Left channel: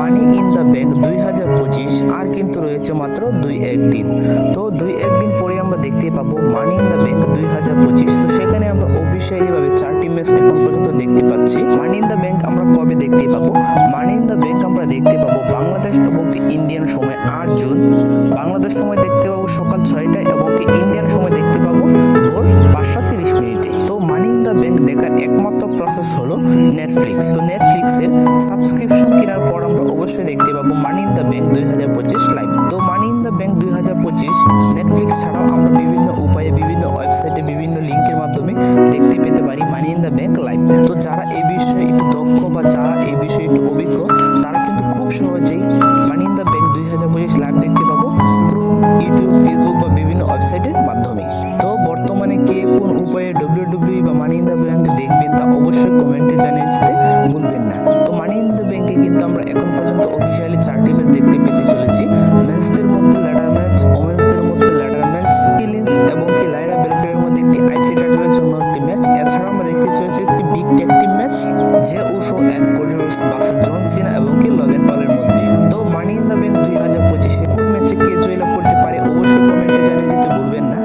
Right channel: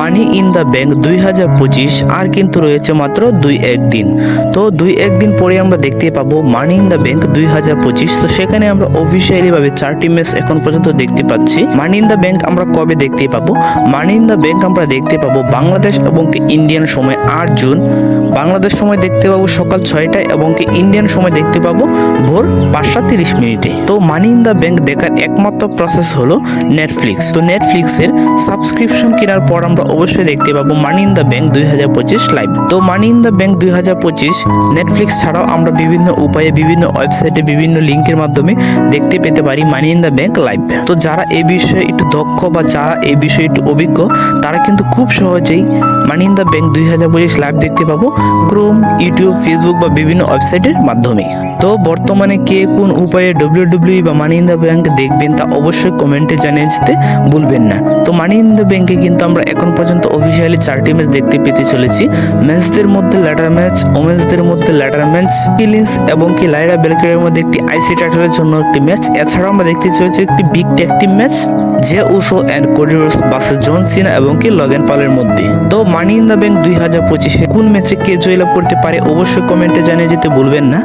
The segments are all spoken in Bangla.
মানি ইন দ্য ব্যাংক 2025 আর কিন্তু রয়েছে মাত্র 2-1 দিন। তো 2-1 দিন পরে আমরা দেখতে পাবো মানি ইন দ্য ব্যাংক 2025। তো সেখানে আমরা অফিসিয়ালি ভাবে 4টি ম্যাচ এখন পর্যন্ত দেখতে পাচ্ছি। মানি ইন দ্য ব্যাংক আমরা কবে দেখতে পাবো? মানি ইন দ্য ব্যাংক আমরা দেখতে পাবো বাংলাদেশ এবং ইন্ডিয়ান সময় 8 জুন। বাংলাদেশ সময় দেখতে পাবো সকাল 6টায় এবং ইন্ডিয়ান সময় দেখতে পাবো ভোর 5:30। তো মানি ইন দ্য ব্যাংক দেখার একমাত্র প্রসেস হলো নেটফ্লিক্স। তো নেটফ্লিক্সের সাবস্ক্রিপশন কেনার পর আমরা অবশ্যই দেখতে পাবো মানি ইন দ্য ব্যাংক 2025 লাইভ। তো মানি ইন দ্য ব্যাংক 2025 নেটফ্লিক্স ছাড়াও আমরা বিভিন্ন উপায়ে বিভিন্ন ওয়েবসাইটে বিভিন্ন লিঙ্কের মাধ্যমে দেখতে পেতে পারি মানি ইন দ্য ব্যাংক লাইভ। তো যারা এই বিষয়ে একটু দক্ষ বা যারা এই বিষয়ে একটু অভিজ্ঞ তারা কিন্তু খুব সহজেই মানি ইন দ্য ব্যাংক 2025 লাইভ দেখতে পাবো ক্রোম, ইউটিউব, ফেসবুক বা বিভিন্ন ওয়েবসাইটের মাধ্যমে। তো বর্তমানে কে কোন উপায়ে WWE বা মানি ইন দ্য ব্যাংক দেখবেন তা অবশ্যই কমেন্টে জানিয়ে যেতে ভুলবেন না। তো মানি ইন দ্য ব্যাংকে কিন্তু আমরা এখন পর্যন্ত অফিসিয়ালি 4টি ম্যাচ দেখতে পেতে চলেছি। ম্যাচদের মধ্যে ল্যাডার ম্যাচ, ওমেন্সদের মধ্যে ল্যাডার ম্যাচ, কিলিন্স এবং লাইরা বেলকের মধ্যে একটি আইসি টাইটেলের জন্য একটি ম্যাচ। এছাড়াও আমরা দেখতে চলেছি একটি big tag team match Jey Uso and Cody Rhodes versus John Cena এবং লগেন পলের মধ্যে। তো মানি ইন দ্য ব্যাংক 2025 কোন ম্যাচে কে জয়লাভ করতে পারে অবশ্যই কমেন্টে জানিয়ে যেতে ভুলবেন না।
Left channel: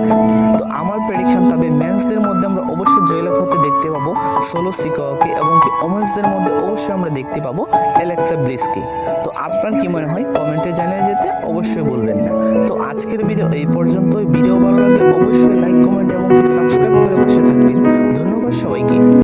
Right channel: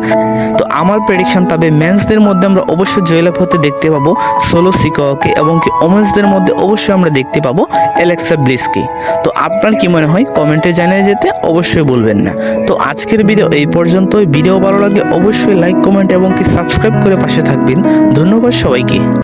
তো আমার প্রেডিকশন তবে মেন্সদের মধ্যে আমরা অবশ্যই জয়লাভ হতে দেখতে পাবো সোলো সিকাওয়াকে এবং ওমেন্সদের মধ্যে অবশ্যই আমরা দেখতে পাবো অ্যালেক্সা ব্লিসকে। তো আপনার কি মনে হয় কমেন্টে জানিয়ে যেতে অবশ্যই ভুলবেন না। তো আজকের ভিডিও এই পর্যন্তই। ভিডিও ভালো লাগলে অবশ্যই লাইক, কমেন্ট এবং সাবস্ক্রাইব করে পাশে থাকবেন। ধন্যবাদ সবাইকে।